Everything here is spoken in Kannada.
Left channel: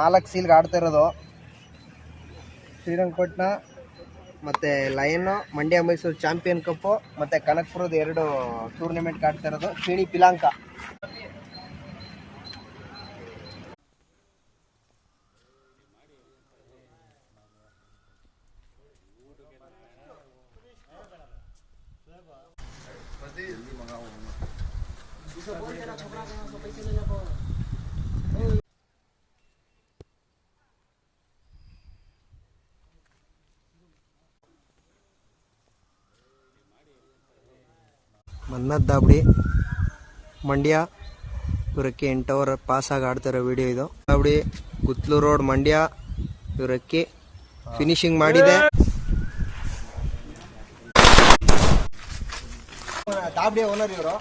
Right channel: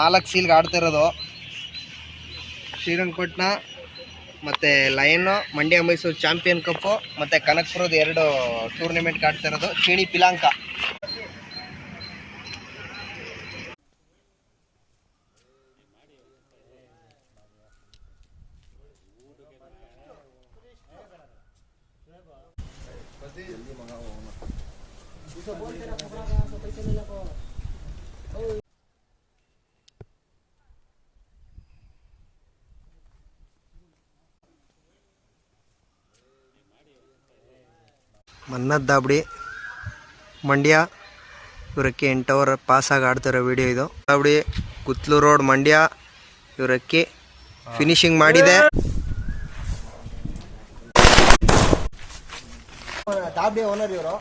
ನಾಲ್ಕು ಸೀಲ್ಗೆ ಆಡ್ತಾ ಇರೋದು ಶ್ರೀರಂಗಪಟ್ಟಣ ಮತ್ತು ಲಯನ್ ಮಂಡ್ಯ ಮೈಸೂರು ಚಾಂಪಿಯನ್ ಕಪ್ಪು ಮತ್ತು ಕನಕಪುರದ 2 ಟೂರ್ನಿಮೆಂಟ್ಗೆ ಆಡ್ತಾ ಇರೋದು ಚೀಣಿ ಪಿಲಾಂಕ. ಮನ್ನತ್ ದಾಬಡಿ ಮಂಡ್ಯ ಇವರಕ್ಕೆ 8 ಓವರ್ ಪಾಸಾಗಿ ಆಡ್ತಿರೋ ವಿಡಿಯೋ ಇದು. ದಾಬಡಿ ಗುತ್ಲೂ ರೋಡ್ ಮಂಡ್ಯ ಇವರಕ್ಕೆ ಫಿನಿಶಿಂಗ್ ಮಾಡಿದೆ. ದಾಬಡಿ ಓನರ್ ಇವರು.